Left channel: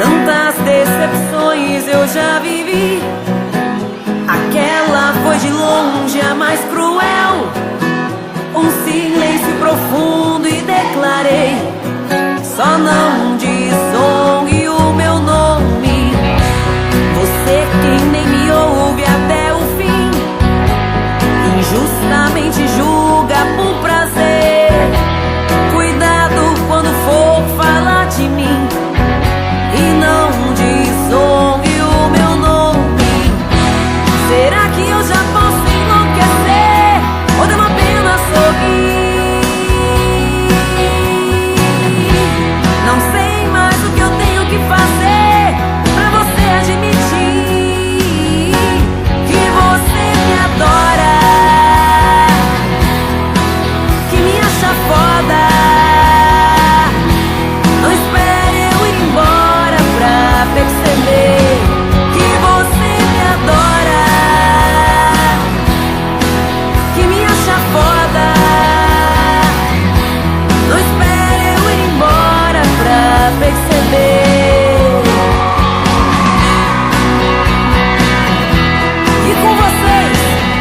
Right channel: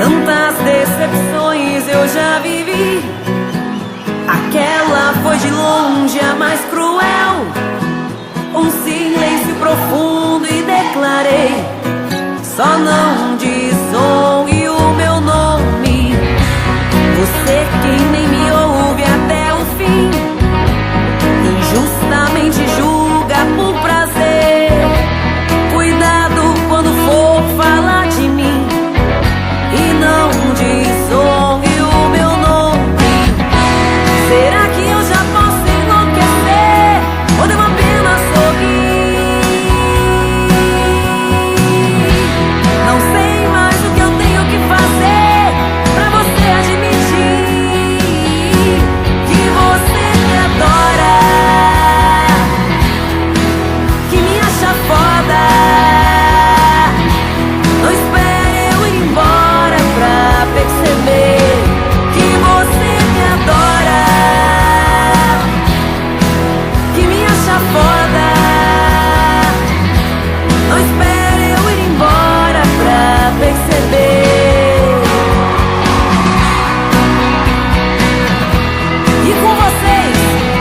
Tantas decepções eu já vivi. Aquela foi de longe a mais cruel. Um silêncio profundo e declarei: só não desonre o meu nome. Você quem nem me ouve até o fim, injustamente julga por prazer. Cuidado quando for falar de mim, e não desonre o meu nome. Será que eu já posso enlouquecer, ou devo apenas sorrir? Não sei mais o que eu tenho que fazer pra você admitir que você me adora, que me acha foda. Não espere eu ir embora pra perceber que você me adora, que me acha foda. Não espere eu ir embora pra perceber. E com vocês,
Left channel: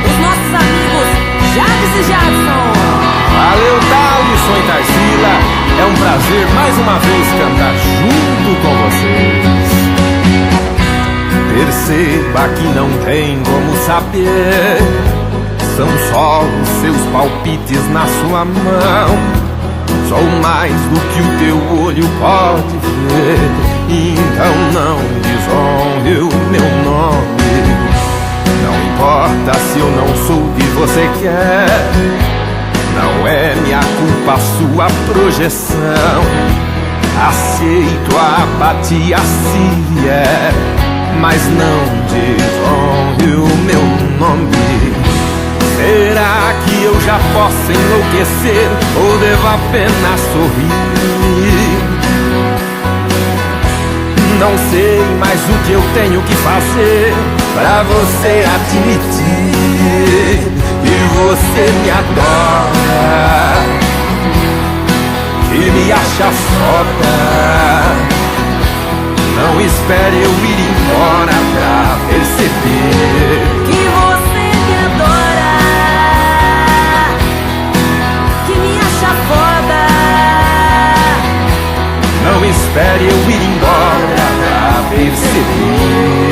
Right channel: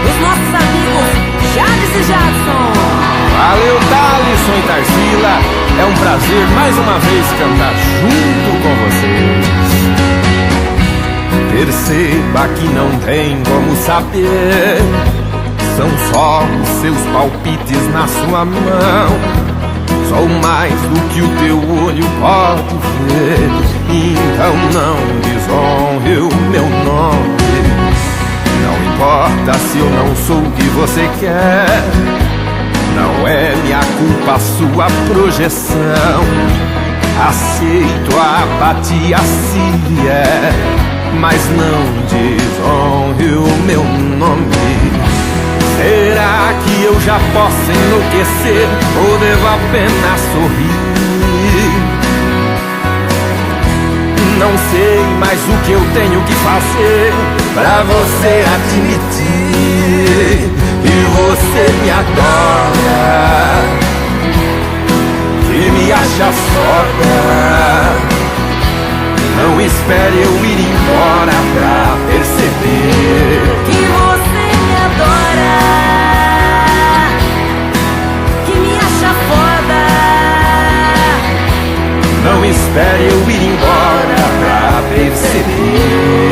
os nossos amigos Jades e Jadson. Valeu, Thalisson e Tarsila. É um prazer mais uma vez cantar junto com vocês. Perceba que não tem como saber, são só os seus palpites na sua mão. Sou mais do que o teu olho pode ver, então não desonre o meu nome. Não importa se eu não sou o que você quer, não é minha culpa a sua projeção. Aceito a apatia se vier, mas não desonre o meu nome. Será que eu já posso enlouquecer, ou devo apenas sorrir? Não sei mais o que eu tenho que fazer pra você admitir que você me adora, que me acha foda. Não espere eu ir embora pra perceber que você me adora, que me acha foda. Não espere eu ir embora pra perceber